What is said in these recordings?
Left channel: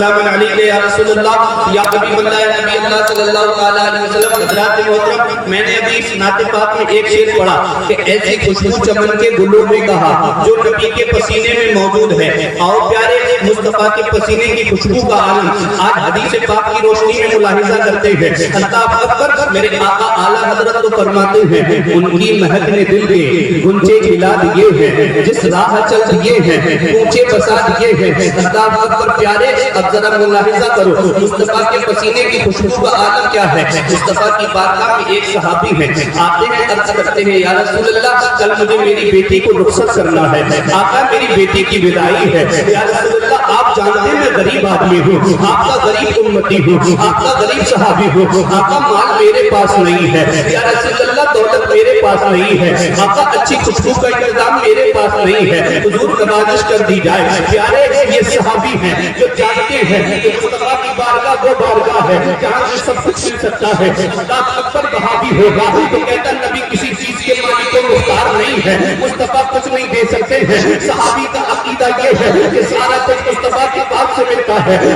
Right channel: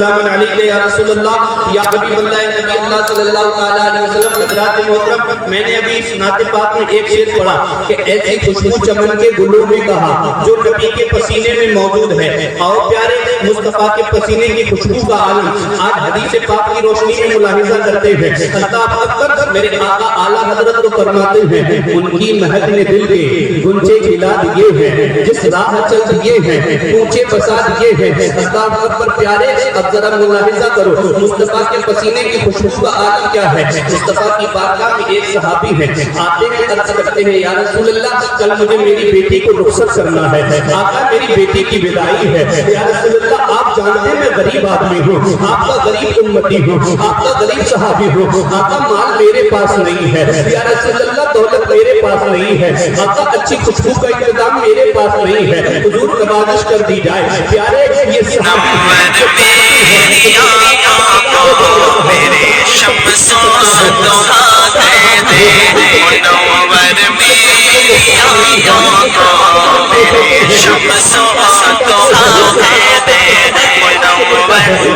والسلام علیک یا رسول اللہ یا حبیب اللہ نبی اللہ صلی اللہ علیہ وسلم۔ حضرات محترم، میں نے ابھی اس نعت پاک میں ایک شعر پڑھا کہ ایسی خوشبو چمن کے گلوں میں کہا جو نبی کے پسینے میں موجود ہے۔ آؤ پیارے مصطفیٰ کے پسینے کی خوشبو کا عالم آج حدیث پاک کی روشنی میں ملاحظہ کرتے ہیں۔ اللہ اکبر، میرے آقا اعلیٰ حضرت تو فرماتے ہیں ان کی مہک نے دل کے گنجے کھلا دیے ہیں، جس راہ چل دیے ہیں اونچے بسا دیے ہیں۔ اللہ اکبر پیارے، اب ذرا ملاحظہ کرو مصطفیٰ کے پسینے کی خوشبو کا عالم کیا ہے۔ مصطفیٰ کی بارگاہ میں ایک صحابی ہے، آتے ہیں عرض کرتے ہیں یا رسول اللہ کل مجھے میری بیٹی کو رخصت کرنا ہے، آقا میری بیٹی کی وداعی ہے۔ یا رسول اللہ آپ جانتے ہیں میں غریب آدمی ہوں، آپ کا غریب امتی ہوں، آپ کا غریب صحابی ہوں، آقا مال میرے پاس نہیں ہے، یا رسول اللہ دولت میرے پاس نہیں ہے، آقا اچھی خوشبو کا انتظام میرے پاس نہیں ہے، حضور نوازش کر دی جائے۔ پیارے یہ صحابی ہیں جو چاہتے ہیں میرے شمس و ضحا دے دے منور میں شمس و ضحا دے دے منور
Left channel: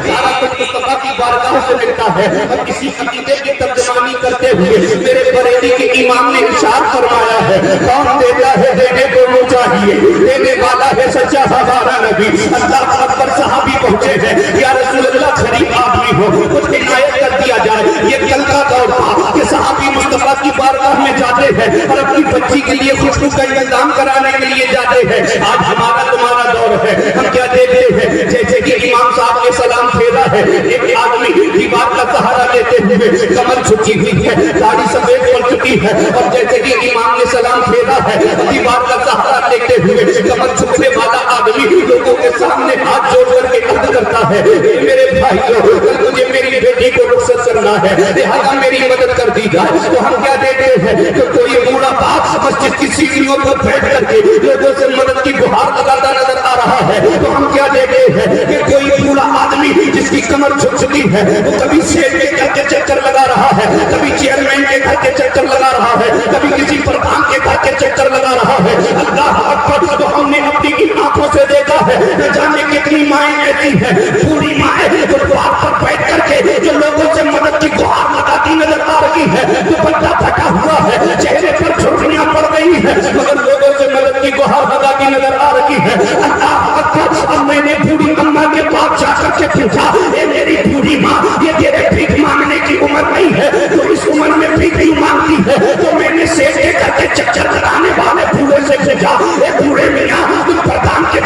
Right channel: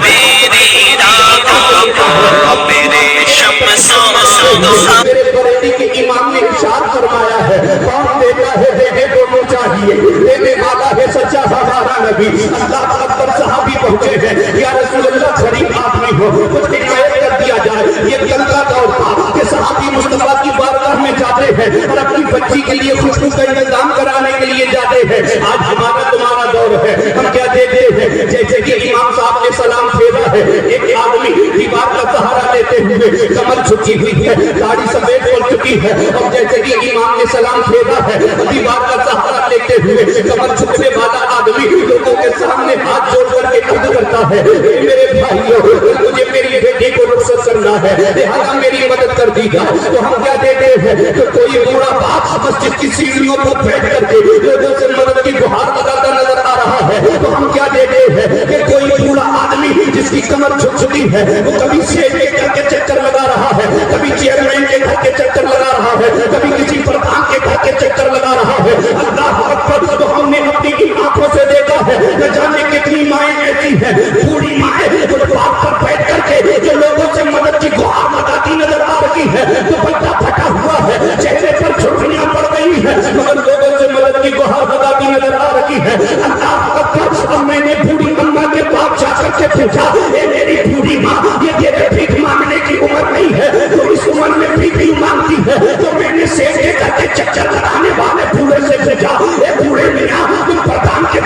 میری راہ میرے شمس و ضحا۔ میرے بریلی کے امام نے ارشاد فرمایا ہے کون دیتا ہے دینے کو وہ چاہیے، دینے والا ہے سچا ہمارا نبی۔ اللہ اکبر، صحابی پہنچے ہیں یا رسول اللہ غریب آدمی ہو کچھ عنایت کر دیا جائے۔ یہ کل کا دور تھا کہ صحابی مصطفیٰ کی بارگاہ میں جاتے ہیں اور اپنی بچی کے لیے خوشبو کا انتظام کرانے کے لیے جاتے ہیں۔ آج ہمارا تمہارا دور ہے، ہم کیا دیتے ہیں جیسے کہ امام صاحب نے سلام پھیرا ہے، ایک آدمی دیوار کا سہارا لیتے ہوئے کمر جھکی ہوئی ہے، داڑھی سفید پڑ چکی ہے، اور جیسے کہ امام نے سلام پھیرا ہے دیوار کا سہارا لیتے ہوئے کمر جھکنے والا آدمی لوگوں کے سامنے ہاتھ جوڑ کر کے عرض کرتا ہے میرے بھائیو مجھے میری بیٹی کو رخصت کرنا ہے، لہذا میری مدد کر دی جائے۔ تو ہم کیا دیتے ہیں کہ کوئی بوڑھا باپ مسجد کی سیڑھیوں پر بیٹھ کر کے لوگوں سے مدد کی گہار لگاتا نظر آ رہا ہے، تو ہم کیا دیتے ہیں کہ کوئی بوڑھا آدمی جس کی کمر جھک چکی ہے وہ کبھی سیٹ کے گھر کے چکر لگا رہا ہے، کبھی چیئرمین کے گھر کے چکر لگا رہا ہے، کبھی کسی پردھان کے گھر کے چکر لگا رہا ہے۔ اللہ اکبر، تو ہم نے اپنی آنکھوں سے دیکھا ہے نہ جانے کتنی مائیں ایسی ہیں بوڑھی مائیں فٹ پاتھ پر بیٹھ کر کے جو لوگوں سے مدد کی گہار لگاتی نظر آ رہی ہے، دوپٹہ پھٹا ہوا ہے، چہرے پر جھرریاں پڑ گئی ہے، مگر لوگوں سے مدد کی گہار لگاتی نظر آ رہی ہے۔ اللہ اکبر، اب میں نے بوڑھی اماں کے پاس جا کر کے پوچھا اے میری بوڑھی ماں یہ تیرے بھیک مانگنے کی عمر نہیں ہے، تو اس عمر میں بھیک کیوں مانگتی ہے؟ تو میں نے سیٹ کے گھر کے چکر لگانے والے بوڑھے سے پوچھا اے بوڑھے میاں تم پردھان کے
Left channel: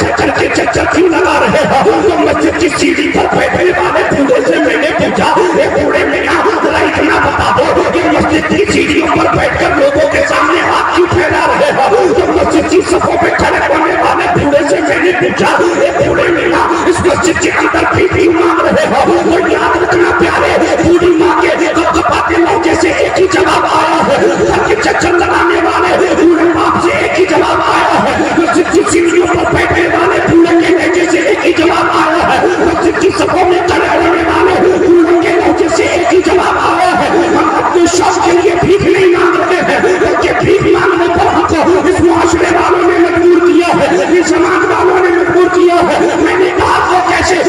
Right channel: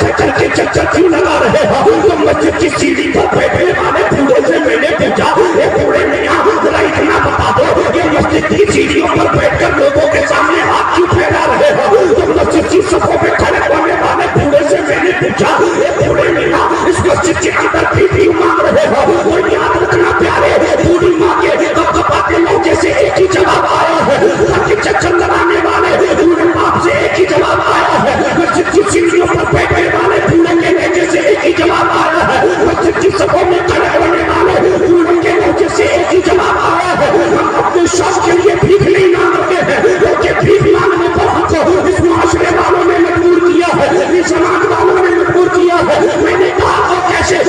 چکر کیوں لگا رہے ہو؟ تو مسجد کی سیڑھی پر بیٹھنے والے بوڑھے سے میں نے پوچھا اے بوڑھے میاں ذرا اتنا بتا دو کہ مسجد کی سیڑھیوں پر بیٹھ کر لوگوں کے سامنے ہاتھ کیوں پھیلا رہے ہو؟ تو مسجد کی صفوں میں کھڑے ہونے والے بوڑھے سے میں نے پوچھا اے بوڑھے میاں اس مسجد کے اندر بھی کیوں مانگ رہے ہو؟ اور یاد رکھنا پیارے، بوڑھی ماں کے کپاتے لوگ جیسے ایک ہی جواب آیا ہے، گھر کے چکر لگانے والے بوڑھے باپ سے ایک ہی جواب آیا ہے، مسجد کی سیڑھیوں پر بیٹھنے والے بوڑھے کے لہجے سے ایک ہی جواب آیا ہے، مسجد کی صفوں میں کھڑے ہونے والے بوڑھے کے لہجے سے ایک ہی جواب آیا ہے۔ ہم اپنے شوق کے لیے بھیک نہیں مانگ رہے ہیں، بلکہ بھیک مانگنے پر ہم کو اس معاشرے والوں نے مجبور کیا ہے، اس سماج والوں نے مجبور کیا ہے۔ میں نے کہا وہ کیسے؟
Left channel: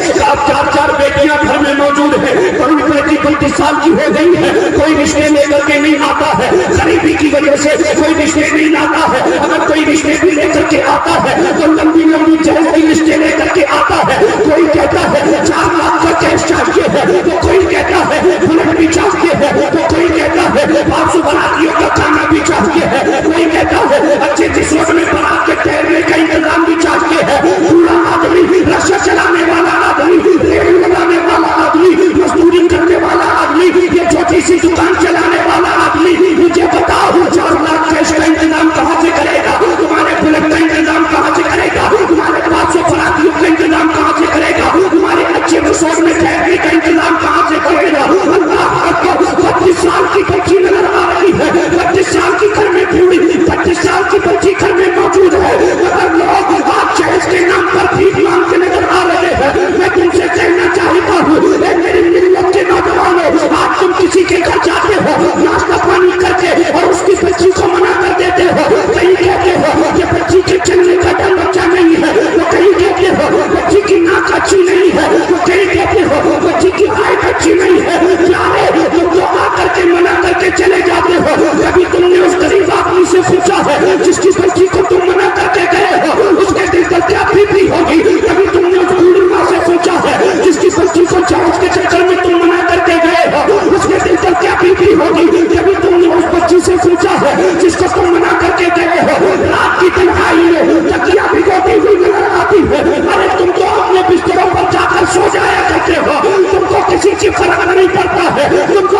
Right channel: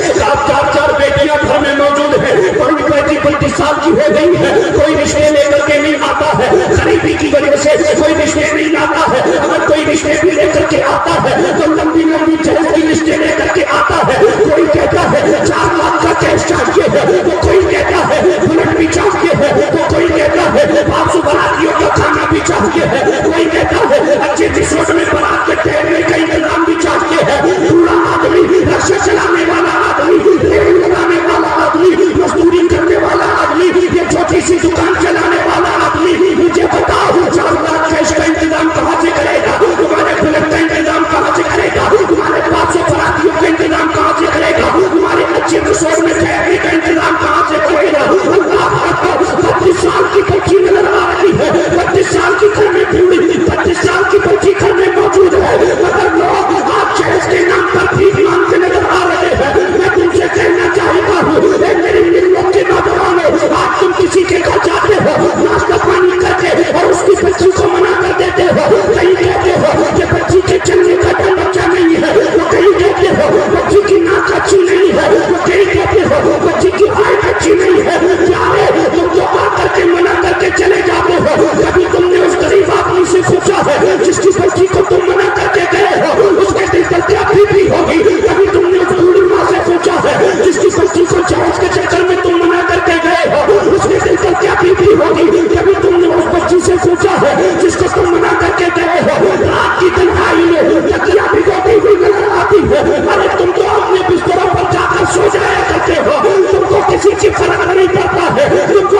چار بیٹیاں گھر میں موجود ہیں، کوئی بیٹی 35 سال کی ہو گئی ہے، کوئی رشتے لے کر کے نہیں آتا ہے، غریبی کی وجہ سے کوئی رشتے نہیں لاتا ہے، اگر کوئی رشتے بھی لے کر کے آتا ہے تو لمبی لمبی جہیز کی رشتے لے کر کے آتا ہے۔ کوئی کہتا ہے 4 لاکھ کا کیش چاہیے ہے، تو کوئی کہتا ہے بلٹ بھی چاہیے ہے، تو کوئی کہتا ہے 500 براتیوں کا کھانا بھی چاہیے ہے، کوئی کہتا ہے اچھے جسم میں برات کے ٹھہرنے کا انتظام بھی چاہیے ہے۔ پورا آدمی رکشہ چلانے والا آدمی، ریل لگانے والا آدمی، مزدوری کرنے والا آدمی، یہ چھوٹی سی دکان چلانے والا آدمی، مجھے بتاؤ 4 لاکھ کیش کا انتظام کہاں سے کرے گا؟ تمہارے بلٹ کا انتظام کہاں سے کرے گا؟ تمہارے 500 براتیوں کا انتظام کہاں سے کرے گا؟ تمہارے اچھے رسوئی میں ٹھہرنے کا انتظام کہاں سے کرے گا؟ اللہ اکبر، 25 سال کی بچی نظر آ رہی ہے، 25 سال کی گھر میں بوڑھی، 25 سال کی بچی گھر میں موجود ہے، مگر لوگ آج جہیز کے نام پر بھیک مانگتے نظر آ رہے ہیں۔ میں تم سے کہنا چاہتا ہوں اے میری ملت کے نوجوانوں، آج تم کسی کے گھر جاتے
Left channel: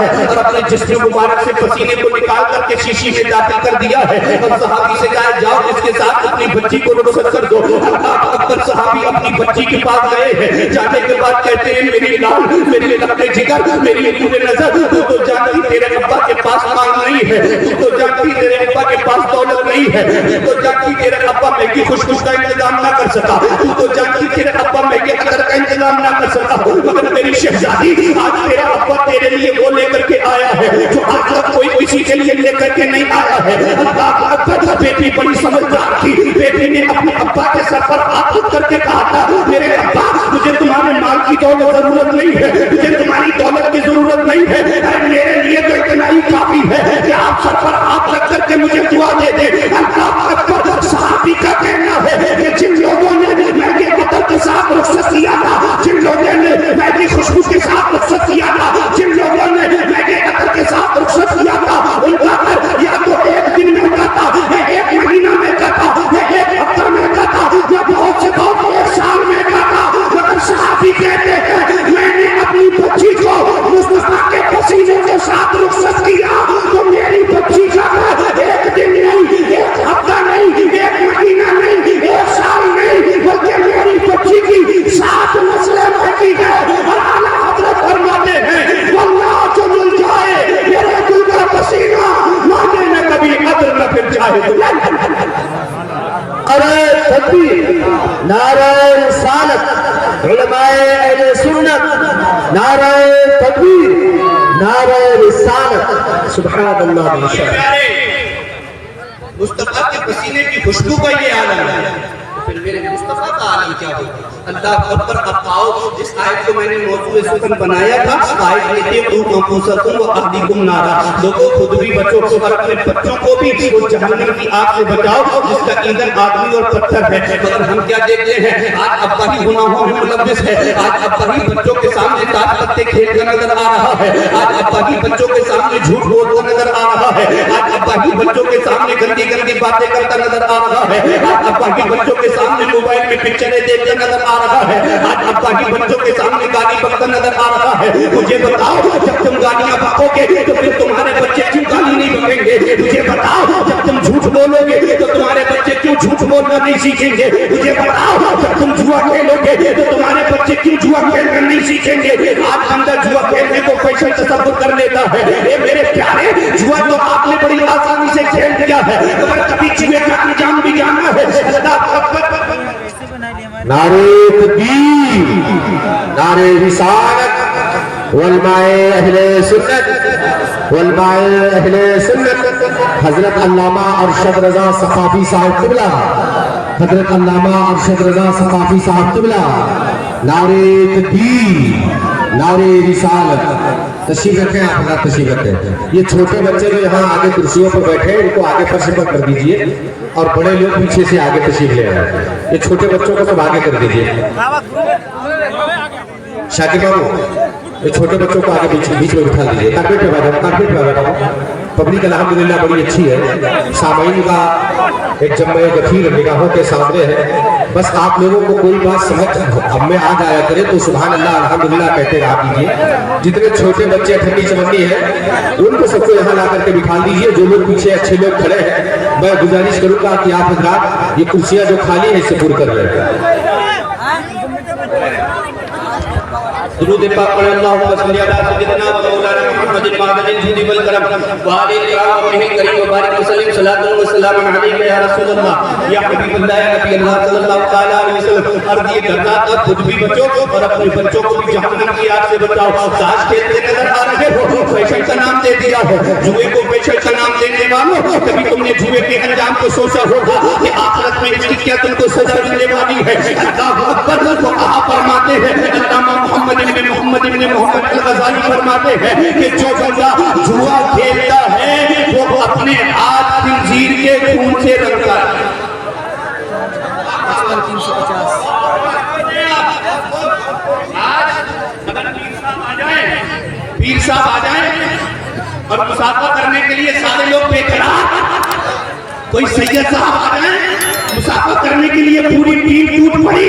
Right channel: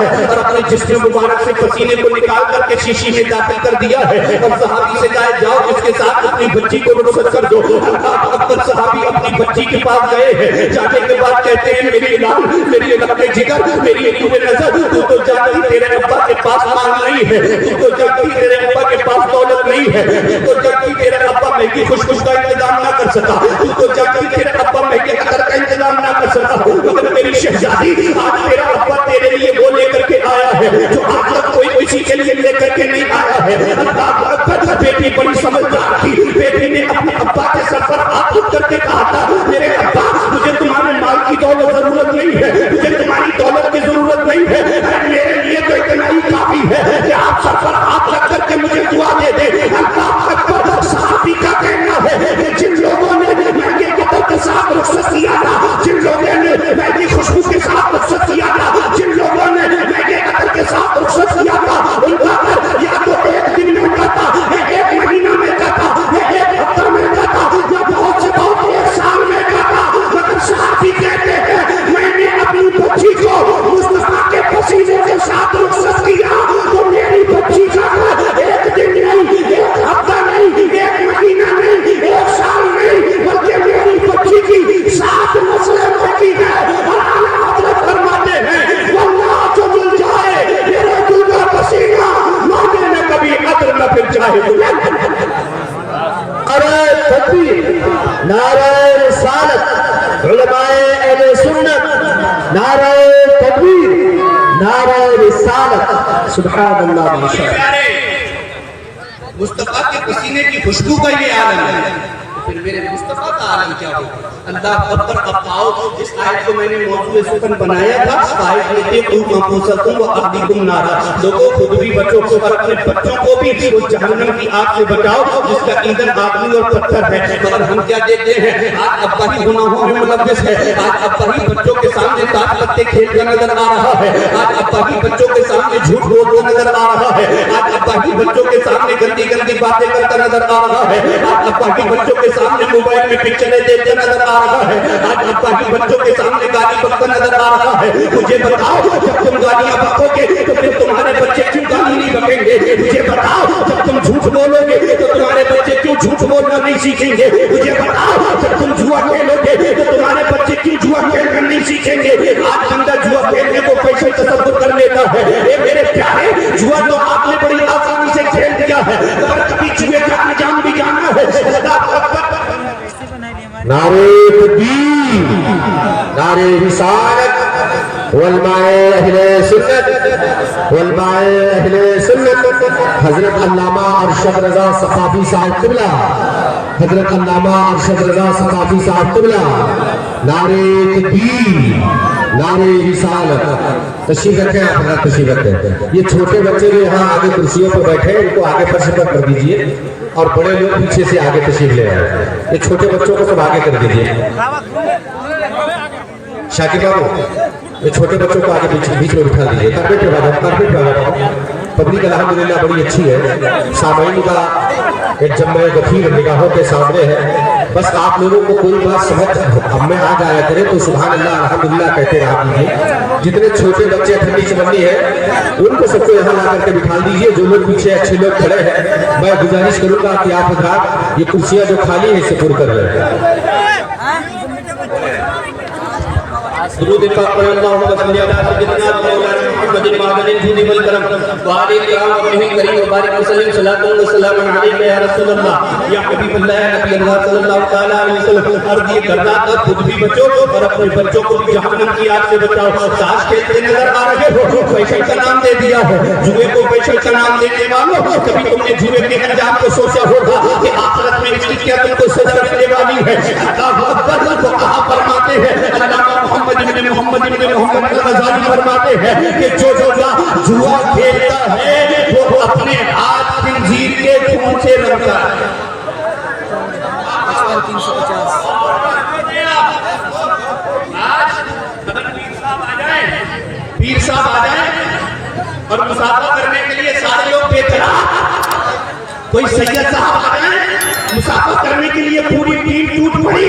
ہے اور اپنے جسم مبارک سے پسینے کو نکال کر کے شیشی میں داخل کر دیا ہے, اور صحابی سے کہا جاؤ اس کے ساتھ اپنی بچی کو رخصت کر دو. اللہ اکبر. صحابی اپنی بچی کے پاس گئے ہیں, جانے کے بعد کہتے ہیں میری لال, میری لبے جگر, میری نور نظر, تو جانتی تیرے ابا کے پاس مال نہیں ہے, تو جانتی تیرے ابا کے پاس دولت نہیں ہے, تو جانتی تیرے ابا مہنگی خوش خوش کا انتظام نہ کر سکا, تو جانتی تیرے ابا مہنگے عطر کا انتظام نہ کر سکا, مگر میری شہزادی آج تیرا ابا تیرے لیے وہ لے کر کے آیا ہے جو آج تک کوئی کسی کے لیے لے کر کے نہیں آیا ہے. اللہ اکبر. بیٹی بڑی سمجھدار تھی, بیٹی نے اپنے ابا کے سر پر ہاتھ رکھ کر کے کہا تھا میرے ابا مجھے تمہارے مال کی دولت ضرورت نہیں ہے, مجھے تمہاری دولت کی ضرورت نہیں ہے, میرے لیے تو اتنا ہی کافی ہے کہ آپ سر پر ہاتھ رکھ کر کے مجھے دعا دے دیں. اللہ اکبر. صحابی کا کہنا ہے کہ جن لوگوں نے مہنگے عطر کے ساتھ رخصت کیا تھا, جن لوگوں نے مہنگی خوشبو کے ساتھ رخصت کیا تھا, جن لوگوں نے مہنگے عطر کے ساتھ رخصت کیا تھا, ان کا گھر یا تو ایک دن میں کا تھا, یا ایک مہینہ میں کا تھا, یا ایک ہفتہ میں کا تھا, یا بہت سے بہت ایک سال میں کا تھا. مگر صحابی کہتے ہیں میں نے اپنی بچی کو مصطفیٰ کے پسینے کے ساتھ رخصت کیا, تو میری بچی کا گھر ایک دن نہیں, ایک ہفتہ نہیں, ایک مہینہ نہیں, ایک سال نہیں, بلکہ میری بچی کی 7 نسلیں رہتی ہے. اور اعلیٰ حضرت فرماتے ہیں واللہ جو مل جائے میرے دل کا پسینہ مانے میں کبھی عطر نہ پھر جائے. ارے تکبیر, نعرہ رسالت, علماء اہل سنت, نعرہ تکبیر, نعرہ رسالت, سبحان اللہ. پیارے مصطفیٰ کے پسینے کی خوشبو کا یہ عالم ہے, پھر میرے مصطفیٰ کا عالم کیا ہوگا. اللہ اکبر. اب آؤ جس آیت کو میں نے موضوع سخن بنایا تھا, آیت لیتے قوم انفسکم واہلیکم نارا, لوگوں خود بھی بچو اور اپنے بچوں کو بھی اس جہنم کی آگ سے بچاؤ جس کا ایندھن آدمی اور پتھر ہے. مگر ہم کیا دیکھتے ہیں آج ابا ہی گناہوں میں ملوث ہے, آج ابا ہی بچوں کے سامنے تاش پتے کھیلتا نظر آ رہا ہے, آج ابا ہی بچوں کے سامنے جھوٹ بولتا نظر آ رہا ہے, آج ابا ہی بچوں کے سامنے گندی گندی باتیں کرتا نظر آ رہا ہے, آج ابا ہی بچوں کے سامنے موبائل میں پکچریں دیکھتا نظر آ رہا ہے, آج ابا ہی بچوں کے سامنے گالی بکتا نظر آ رہا ہے. مجھے بتاؤ جب تم گالیاں بکو گے تو پھر تمہارے بچے کیوں گالی نہیں بکیں گے. مجھے بتاؤ جب تم جھوٹ بولو گے تو تمہارے بچے کیوں جھوٹ بولنا نہیں سیکھیں گے. مجھے بتاؤ جب تم جوا کھیلو گے تو تمہارے بچے کیوں جوا کھیلنا نہیں سیکھیں گے. آج بندہ جوا کھیلنے کو فیشن تصور کر لیتا ہے. اے میرے پیارے, جوا تو آپ نے بڑی آسانی سے کھیل دیا ہے, مگر کبھی جوئے کا انجام بھی جاننا ہے. نعرہ تکبیر, نعرہ رسالت, علماء اہل سنت, علماء اہل سنت, حضرت علامہ ارشد رضا ثقافی صاحب قبلہ, حضرت علامہ ارشد رضا ثقافی صاحب قبلہ, نعرہ تکبیر, نعرہ رسالت. تشریف رکھیں آپ اپنا, تشریف رکھیں. یہ چھوٹے بچے جو یہاں آگے کرسیوں پر بیٹھے ہیں ان کو آگے فرش پر کر دیجئے, اور بڑے لوگ پیچھے سے آگے تشریف لے آئے. یہ چھوٹے بچوں کو سب آگے کر دیجئے. شاکر بابو یہ چھوٹے بچوں کو آگے بیچ میں بٹھا دیجئے. کارپیٹ پہ بیٹھو, کارپیٹ پہ بیٹھو. پبلک الحمدللہ بڑی اچھی ہے, سامعین کا ایک جمع غفیر نگاہوں کے سامنے ہے. بس آپ لوگوں کو کوئی بات سمجھ ہم میں آ جایا کرے تو سبحان اللہ الحمدللہ کہتے رہا کیجیے. جتنے چھوٹے بچے ٹھنڈی چمنی ہیں ان کو سب کو یہاں لا کر کے بٹھا دیجیے. جو لوگ پیچھے اچھے لوگ کھڑے ہیں میں گزارش کروں گا کہ آپ حضرات یہ کرسیاں جو خالی ہیں اسے پر کر لیں. درود پاک پڑھیں. اللہم صلی علی سیدنا مولانا محمد المعدن الجود والکرم وآلہ الکرام وابنہ الکریم وبارک وسلم. صلاۃ و سلام علیک یا رسول اللہ, یا حبیب اللہ, یا نبی اللہ صلی اللہ تعالیٰ علیہ وسلم. عرض یہ کرنا تھا خود بھی بچو اور اپنے بچوں کو بھی جہنم کی آگ سے بچاؤ. تاش کھیلتے نظر آ رہے ہو, فیشن کا نام دے دیا ہے. جوئے کو فیشن کا نام دینے والوں, کبھی تم نے جوئے کے انجام کو سوچا ہوگا کہ آخرت میں اس کی کیا تم کو سزا ملنے والی ہے. اللہ اکبر. وہ کہاں فرماتے ہیں علامہ محمد ابن محمد الغزالی فرماتے ہیں کہ جو بندہ جوا کھیلتا ہے وہ اپنے ہاتھ خنزیر کے خون سے رنگتا ہے. 55-350. آج اگر پیر صاحب آ جائیں اور مسافہ کرنے کے لیے سارے لوگ بے قرار, کوئی سید صاحب آ جائیں مسافہ کرنے کے لیے پوری ٹیم ٹوٹ پڑی,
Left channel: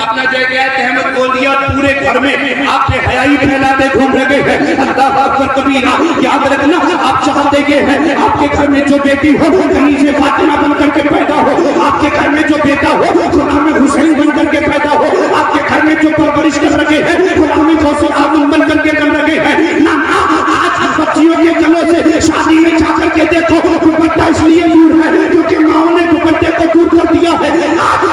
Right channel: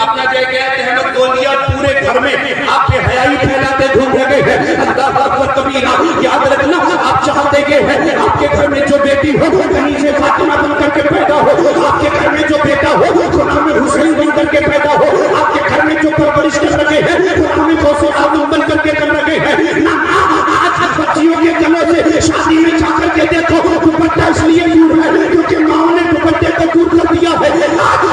اپنا جو ہے احمد کھول دیا پورے گھر میں آپ کے حیائی پھیلاتے گھوم رہے ہیں اللہ اکبر کبیرہ یاد رکھنا آپ چاہتے ہیں آپ کے گھر میں جو بیٹی ہو کہیں سے فاطمہ بن کر کے پیدا ہو آپ کے گھر میں جو بیٹا ہو غلام حسین بن کر کے پیدا ہو آپ کے گھر میں جو پرورش کر رکھے ہیں غلام غوث اعظم بن کر کے کر رکھے ہیں نہ آج بچیوں کے گلوں سے شادی میں جا کر کے دیکھو دوپٹہ اس لیے دور ہے کیونکہ ماؤں نے دوپٹے کو دور کر دیا ہے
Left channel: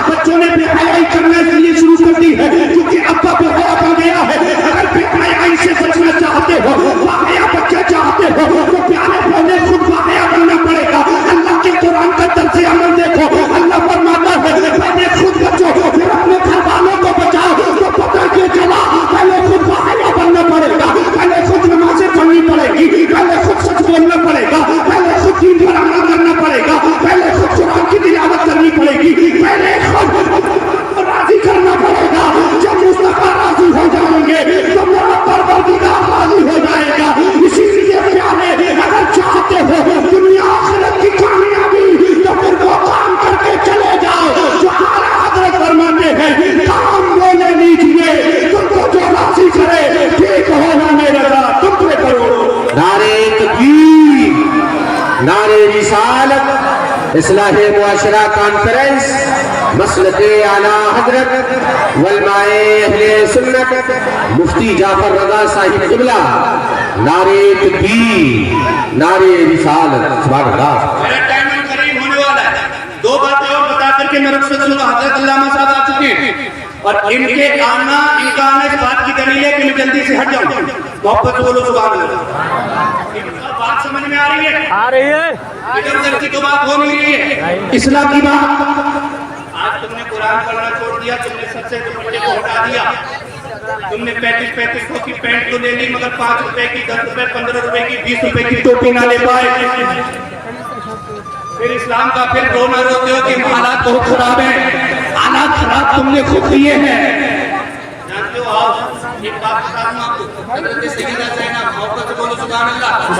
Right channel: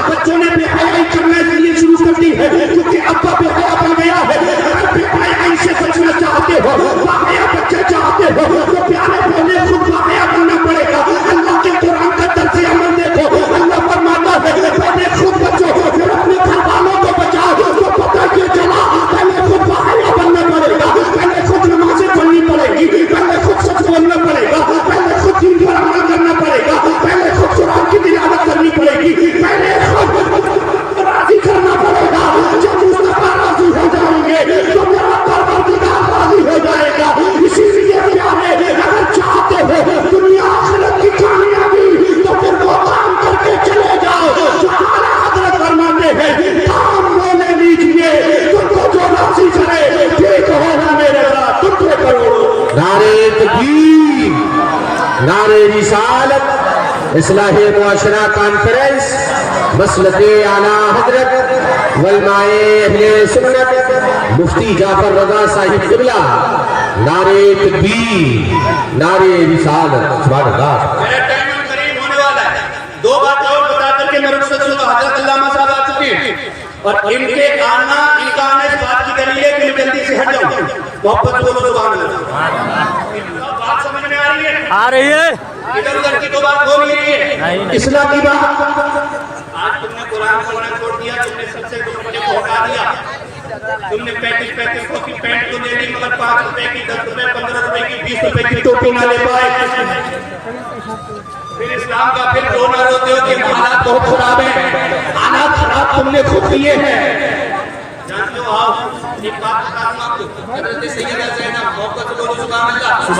بچوں نے بے حیائی کرنا اس لیے شروع کر دی ہے کیونکہ ابا بے حیا بن گیا ہے اگر بے حیائی سے بچنا چاہتے ہو باحیا بچہ چاہتے ہو تو پیارے پہلے خود باحیا بننا پڑے گا اللہ کے قرآن کا طرز عمل دیکھو اللہ فرماتا ہے پہلے خود بچو پھر اپنے گھر والوں کو بچاؤ تو پتہ یہ چلا پہلے خود باحیا بننا پڑے گا پہلے خود نمازیں پڑھنی پڑے گی پہلے خود سچ بولنا پڑے گا پہلے خود دین پر عمل کرنا پڑے گا پہلے خود قرآن کی تلاوت کرنی پڑے گی پہلے خود راضی کرنا پڑے گا جب مصطفیٰ راضی ہو جائیں گے تو میرا پروردگار راضی ہو جائے گا اسی لیے پیارے اگر چاہتے ہو دنیا آخرت کی کامیابی تو پھر وہ کام کر کے چلے جاؤ جو اعلیٰ حضرت فرماتے ہیں کام وہ لے لیجیے تم کو جو راضی کرے ٹھیک ہونا میرے ساتھ تم پہ کرو نعرے تکبیر نعرے رسالت اصلاح معاشرہ کانفرنس مسلک اعلیٰ حضرت علماء اہل سنت مفتی جعفر رضا صاحب قبلہ نعرے تکبیر نعرے رسالت سبحان اللہ میرا ٹائم قریب ہونے والا ہے دو باتیں اور بتا کر کے میں رخصت شدہ حضرت علامہ صاحب آ چکے ہیں اور ان کا آنا اس بات کی دلیل ہے کہ میں جلدی سے ہٹ جاؤں محبت سے بولو سبحان اللہ بات سمجھ میں آ رہی ہے ادھر ادھر کی تو بات ہو نہیں رہی ہے اصلاح کی بات آج تم نے قرآن پڑھنا چھوڑ دیا تم نے سب سے دوپٹے کو ہٹا دیا تم نے 35 کی پینٹ تو لے لی مگر 5 روپے کی 10 روپے 15 روپے کی 20 روپے کی ٹوپی نہ لے پائے پھر اسلام کا پھر رو نہ روتے ہو کہ حالات بہت خراب ہیں حالات خراب تم نے خود کیے ہیں جانتے ہو آؤ ایک بات بتا دوں آپ کو حضرت سیدہ زینب محبت سے بولو سبحان اللہ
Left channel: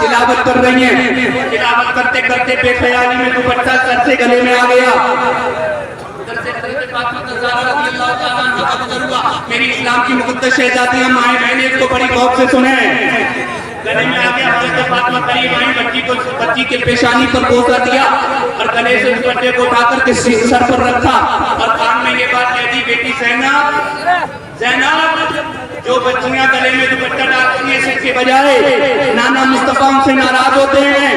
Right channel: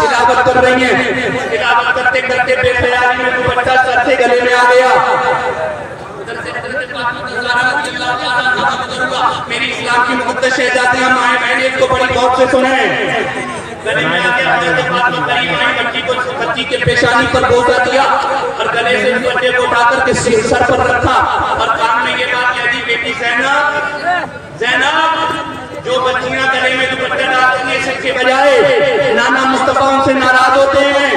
تلاوت کر رہی ہیں تلاوت کرتے کرتے بے خیالی میں دوپٹہ سر سے گلے میں آ گیا ادھر سے حضرت فاطمہ الزہرا رضی اللہ تعالیٰ عنہا کا گزر ہوا میری اسلام کی مقدس شہزادیاں مائیں بہنیں اس کو بڑی غور سے سنیں گلے میں آ گیا حضرت فاطمہ قریب آئی بچی کے پیشانی پر بوسہ دیا اور گلے سے اس بچے کو اٹھا کر کے سر پر رکھا اور کان میں یہ بات کہہ دی بیٹی زینب جو بچیاں گلے میں دوپٹہ ڈالتی ہیں اس کے بجائے نانا مصطفیٰ ان سے ناراض ہوتے ہیں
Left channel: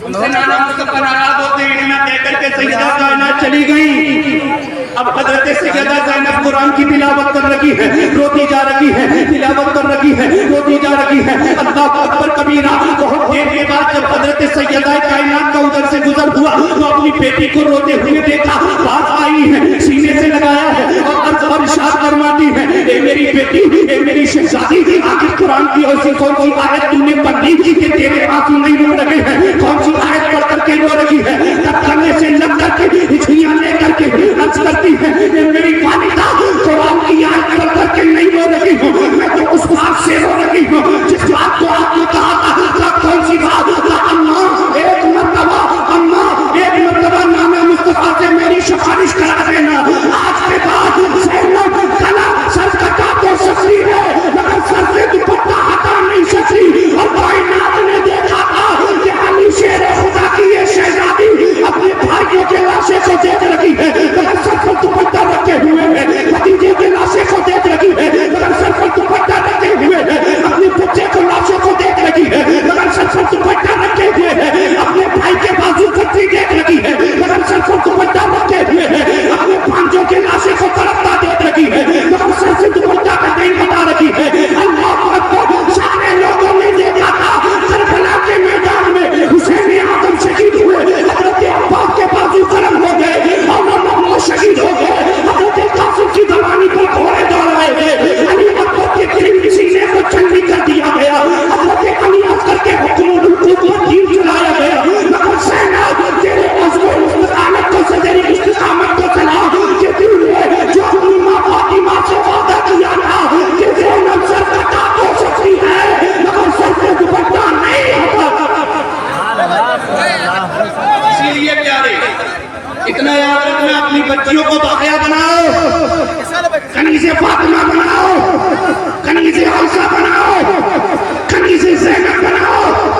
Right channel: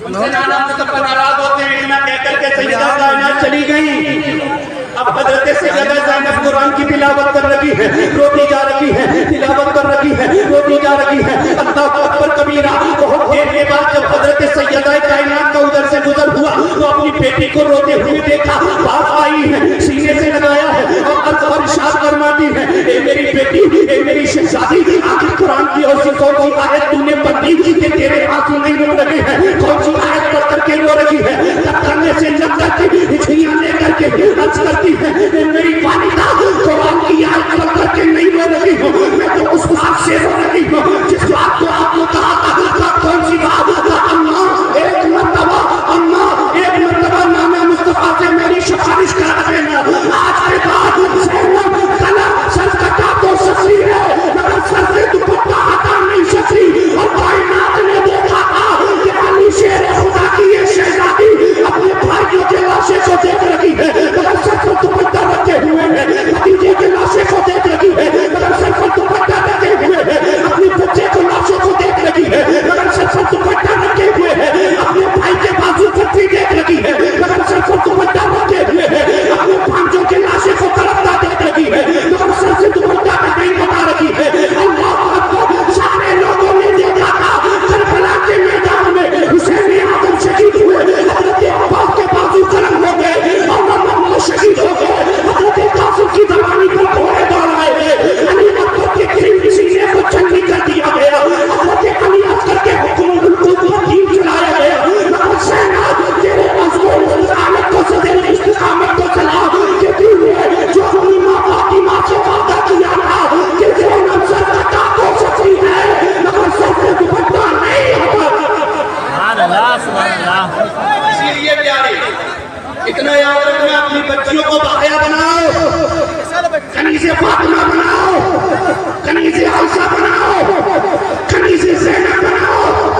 ان سے نانا مصطفیٰ ناراض ہوتے ہیں نہ کہہ کر کے سیدہ زینب چلی گئی اب حضرت سیدہ زینب قرآن کی تلاوت کر رہی ہے روتی جا رہی ہے تلاوت کر رہی ہے روتی جا رہی ہے اللہ اکبر کبیرہ بہت دیر کے بعد جب حضرت سیدہ کائنات کا ادھر سے گزر ہوا تو اپنی بیٹی کو روتے ہوئے دیکھا بات آئی ہے سینے سے لگایا ہے اور ارشاد فرماتی ہے اے میری بیٹی اے میری شہزادی آخر قرآن کی ایسی کون سی آیت تم نے پڑھ لی کہ تیرے آنسو نہیں رو رہے ہیں کون سی آیت پڑھ کر کے رو رہی ہے جب کرنے سے لگ کر کے ہچھیاں لے کر کے عرض کرتی ہے اے میری والدہ قرآن کی آیت پڑھ کر کے نہیں رو رہی ہوں میں تو اس بات سے رو رہی ہوں جس بات کو آپ نے کہا تھا کون سی بات اللہ ایک مرتبہ نام مصطفیٰ سے میری سفارش کرا دینا آج کے بعد زینب گلا سر کٹا تو سکتی ہے مگر سر سے دوپٹہ ہٹا نہیں سکتی اور کائنات نے دیکھا تھا کہ علی شیر خدا کی یہ شہزادی اپنے بھائیوں کے لاشے کو دیکھ رہی ہے مگر سر پر دوپٹہ رکھے ہوئے ہے بھتیجے کے لاشے کو دیکھ رہی ہے مگر سر پر دوپٹہ رکھے ہوئے ہے اپنے بچے کو لاشوں کو دیکھ رہی ہے مگر سر پر دوپٹہ رکھے ہوئے ہے اپنے بھائی کے بازو کتری دیکھ رہی ہے مگر سر پر دوپٹہ رکھے ہوئے ہے اپنے بھانجوں کے لاشے کو طرفدار دیکھ رہی ہے مگر سر سے دوپٹہ کا نہیں بتا رہی ہے اللہ اکبر سارے لوگوں نے دیکھا تھا کربلا کے میدان میں حسین اعظم شہید ہوئے حضرت عباس کے بازو قلم ہو گئے اور محمد شہید ہو گئے حضرت قاسم کی زبانی پر گھوڑے دوڑائے گئے علی اکبر کے قریب سینے کو چندی کر دیا گیا حضرت علی اکبر کے حکم کو دین چلایا گیا مگر زینب تیرے عزم و استقامت کو سے تیری استقامت کو سلام کہ تو نے جو اپنی ماں فاطمہ سے وعدہ کیا تھا کہ زینب سر کٹا تو سکتی ہے مگر سر سے دوپٹہ نہیں ہٹا اسی لیے پیارے اتنا یاد رکھنا اپنی بچیوں کو باحیا بناؤ، کنیز فاطمہ بناؤ، کنیز عائشہ بناؤ، کنیز زینب بناؤ،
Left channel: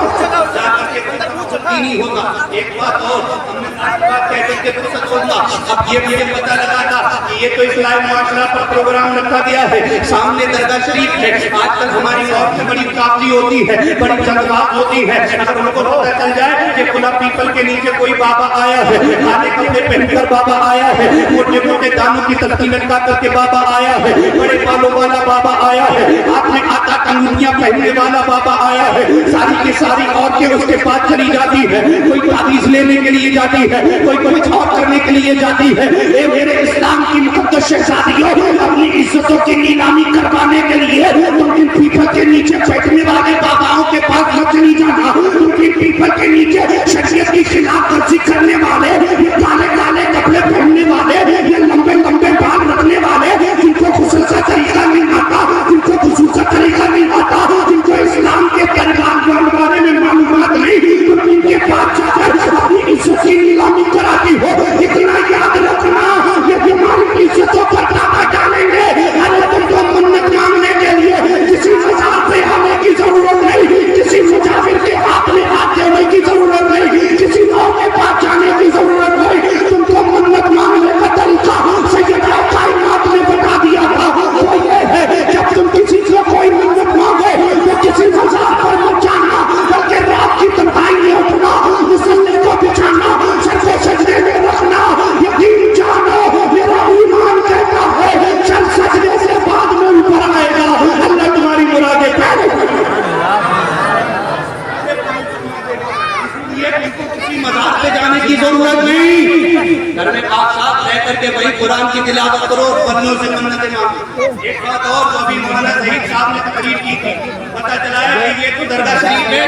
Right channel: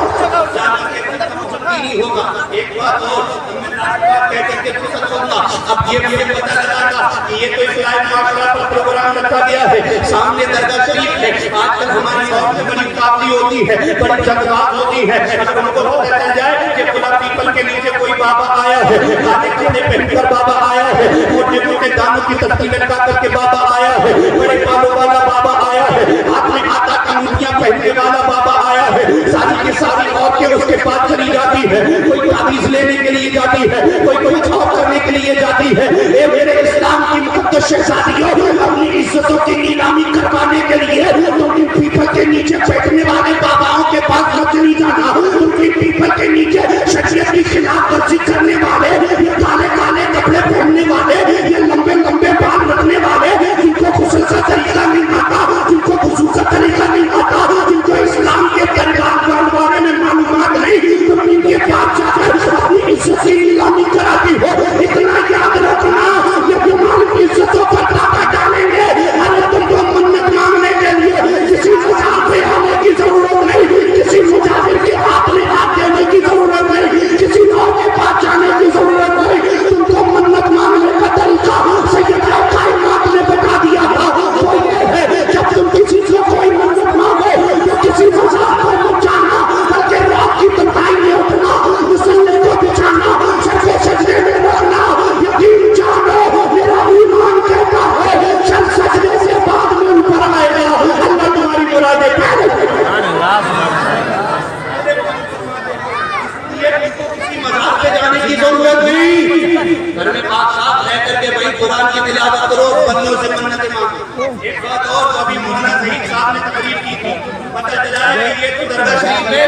نہیں ہوگا۔ ایک بات اور ہم نے آج بات کہہ کر کے فرصت چھوڑنا، اب یہ مجھے پتہ لگا تھا کہ یہ تو اسلامی معاشرہ پر پروگرام رکھا گیا ہے، سامنے درگاہ شریف ہے، آج کل ہماری عورت سے بڑی قافلی ہوتی ہے، بڑی جنگ بات ہوتی ہے، اگر ہم کو پتہ چل جائے کہ کھلا پیپل کے نیچے کوئی بابا آیا ہے، کالے کپڑے پہن کر بابا آیا ہے، موٹے موٹے دانوں کی تسبیح لٹکا کر کے بابا آیا ہے، بڑے بالوں والا بابا آیا ہے، آپ نے آٹا کنگھیاں پہننے والا بابا آیا ہے، ساری کی ساری عورتیں اس کے پاس چلی جاتی ہے، کوئی تعویذ لینے کے لیے جاتی ہے، کوئی کچھ اور کرنے کے لیے جاتی ہے۔ اے میرے اسلام کی مقدس شہزادیوں، اپنی عزتوں کی نیلامی کروانے کے لیے تم ان پیپل کے نیچے بیٹھنے والے باباؤں کے پاس مت نہیں جانا، تم ان پیپل کے نیچے شریعت کی خلاف ورزی کرنے والے، یہ کالے کالے کپڑے پہننے والے، یہ لمبے لمبے بال رکھنے والے، جن کو غسل کا طریقہ نہیں آتا، جن کو وضو کا طریقہ نہیں آتا، جن کو اسلام کے دربار کے بارے میں معلومات نہیں، تم ان کے پاس جا کر اپنی عزت کی نیلامی کراتی ہو۔ اتنا یاد رکھنا، یہ تمہاری عزتوں پر ڈاکہ ڈالیں گے۔ ارے تم کو منت مانگنے کے لیے کسی مزار پہ آنے کی ضرورت نہیں، کسی مجاہد کے ہاتھ میں ہاتھ دینے کی ضرورت نہیں، کسی اور کے پاس جانے کی ضرورت نہیں۔ تم کو منت مانگنے کا طریقہ سیدہ کائنات نے بتا دیا تھا، وہ یہ ہے جب تم کسی سے کوئی منت مانگے تو کسی مزار پر مت جانا، بلکہ رات کی تنہائی میں اٹھنا، مسلے کو بچھانا، سجدے سجدے میں رکھنا، یقین جانو میرا ایمان کہتا ہے چل سجدے سے بعد میں اوپر آئے گا، اللہ تمہاری مرادیں پہلے کسی مذہب پہ جانے کی ضرورت نہیں، گھر میں پاک صاف رہ کر کے وہی قرآن کی تلاوت کرو، بندوں سے منتیں مانگو۔ ایک بات اور، تو ابھی مولانا ظہیر صاحب نے تقریر کی تھی، پتہ چلا ہے کہ یہ تو درگاہ شریف ہے،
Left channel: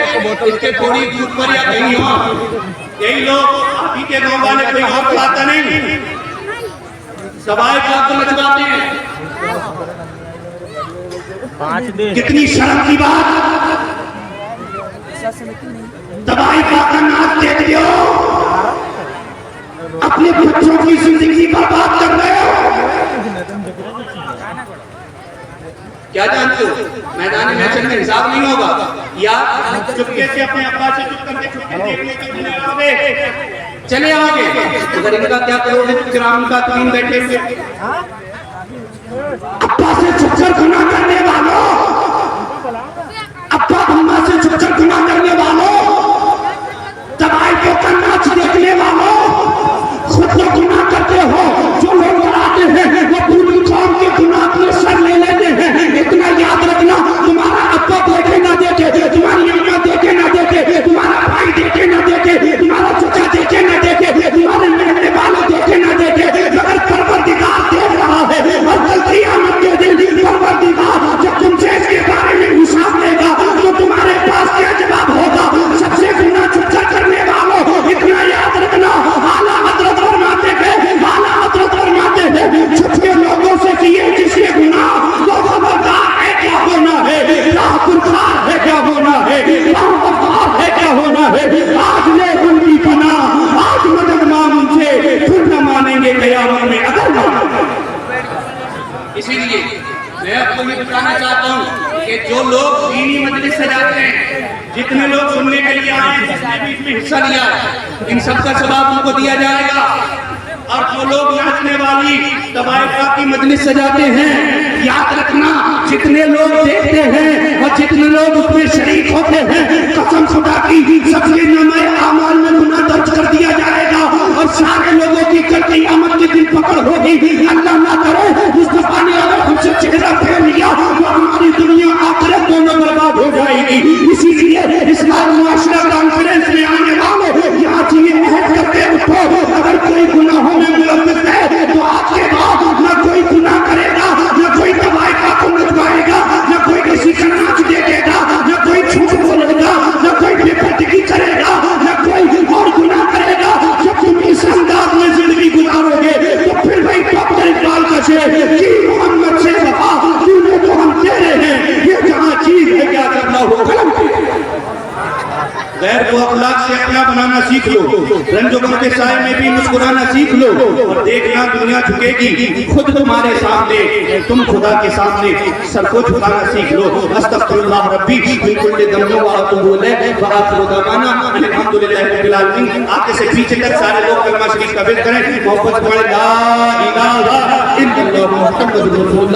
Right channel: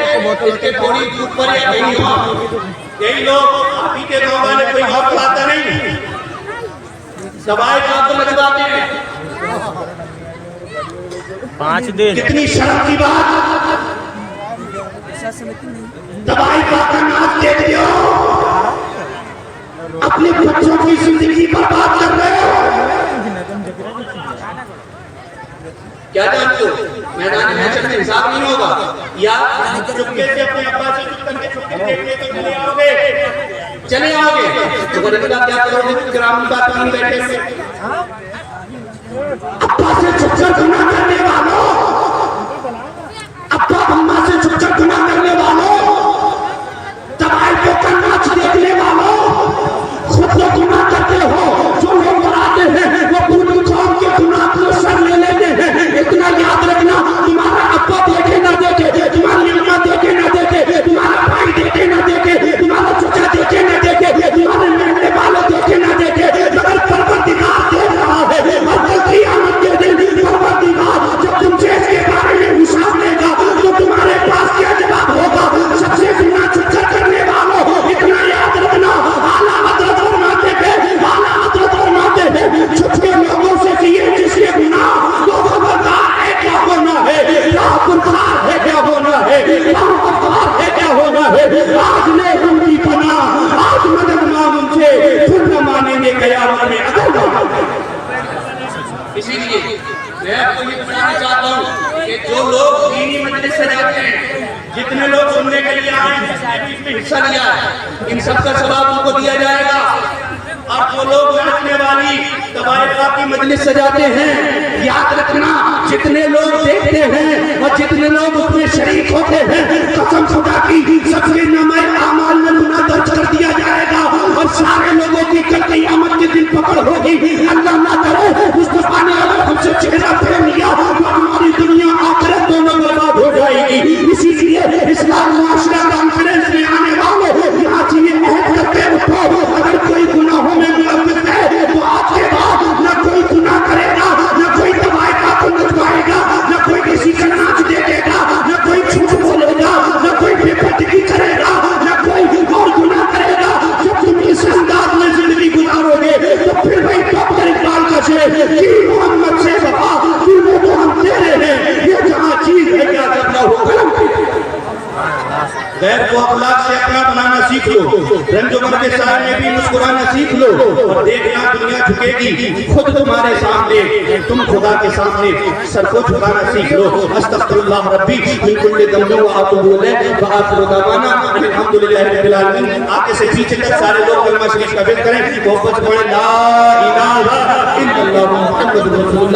اس کے تھوڑی دور پر یا کہیں اور یہی لوگ آپ ہی کے گاؤں والے کوئی اور کھاتا نہیں، سوائے آپ کو لگواتے ہیں۔ کتنی شرم کی بات، دوائی کا ناز دے دیو، اپنے بچوں کی زندگی برباد کر رہے ہو۔ کیا جانتے ہو میدان میچر میں حساب نہیں ہوگا، یا چپکے سے اپنے ابا سے چپ کر کے چھپکے دیکھنے تو چلے آؤ گے، اگر ان کا کیا کرو گے؟ گرام کا تین بیٹھے ہوئے ابا سے چھپ کر گناہ کرنے والوں، ابا اما سے چھپ کر گناہ کرنے والوں، دوائی کو کر ناچ دیکھنے والوں، خود کو گناہ کرتے ہو، جو لوگ بڑھاتے ہیں وہ پوری قوم کے گناہ اپنے سر لے لیتے ہیں۔ اتنا یاد رکھنا، تمہارا ابا دیکھے نہ دیکھے، تمہاری اما دیکھے نہ دیکھے، تمہارا بھائی دیکھے نہ دیکھے، تمہارا چچا دیکھے نہ دیکھے، تمہارے ملنے والے دیکھے نہ دیکھے، مگر پروردگار دیکھ رہا ہے، اور کل قیامت کے دن پروردگار جب تم سے اس کے بارے میں حساب لے گا تو تمہارے پاس کیا جواب ہوگا؟ سب سے گناہ چھپ کر کرنے والوں، اتنا یاد رکھنا، اعلیٰ حضرت فرماتے ہیں، اعلیٰ حضرت فرماتے ہیں، چھپ کے لوگوں سے کیے جس کے گناہ وہ خبردار ہے کیا ہونا ہے، راہ پرکار ہے کیا ہونا ہے، راہ افطار ہے کیا ہونا ہے۔ آج لے ان کی پناہ، آج مدد مانگ ان سے، پھر نہ مانیں گے قیامت میں اگر مانیں۔ اسی لیے میں آپ کو یہ بتانا چاہتا ہوں کہ جو لوگ دینی مجلس سے جاتے ہیں، جتنے لوگ سننے کے لیے آئے ہیں، جس نے بھی اس میں حصہ لیا ہے، ان سب کا ثواب ان کو دیا جائے گا۔ اور جو لوگ ناچنے والی طوائفہ کی مجلس سے جاتے ہیں، یاد رکھنا جتنے لوگ دیکھتے ہیں اور جتنے لوگ اس میں شریک ہوتے ہیں، قسم خدا کی سب کے نامۂ اعمال میں گناہ درج کر دیا جائے گا، اور سارے لوگوں کی کل قیامت کے دن پکڑ ہوگی۔ اللہ نہ کرے مصطفیٰ نے اگر ہم سے چہرہ پھیر لیا تو ہماری دنیا آخرت دونوں برباد ہو جائے گی۔ اسی لیے اسلامی معاشرہ کانفرنس میں آنے والے یہاں سے یہ عہد کر کے اٹھو، اگر کوئی گناہوں میں ملوث ہے تو آج کے بعد نہ کوئی گناہ کرے گا، نہ کوئی طوائفہ کو نچوائے گا، نہ کوئی کسی کا ناچ دیکھے گا، نہ کوئی جھوٹ بولے گا، نہ کوئی بے پردگی کرے گا، نہ کوئی اور گناہ کرے گا۔ جب تم اس انداز میں زندگی گزارو گے تو پھر بھائی ڈاکٹر اقبال کا شعر کہ محمد سے وفا تو نے تو ہم تیرے ہیں، یہ جہاں چیز ہے کیا کرنا ہو قلم کی۔ غیر کو اخلاق سے اپنا بنانا سیکھ لو, رنج و غم کے سائے میں بھی مسکرانا سیکھ لو, اور دیکھنا دنیا جھکے گی, خود تمہارے سامنے تم خدا کے سامنے سر کو جھکانا سیکھ لو. استغفر اللہ ربی من کل ذنب و اتوب الیہ وآخر دعوانا الحمدللہ رب العالمین. آگے سے پیچھے تک سارے لوگ کلمہ شریف قبول کریں, محبت پڑھیں لا الہ الا اللہ محمد رسول اللہ.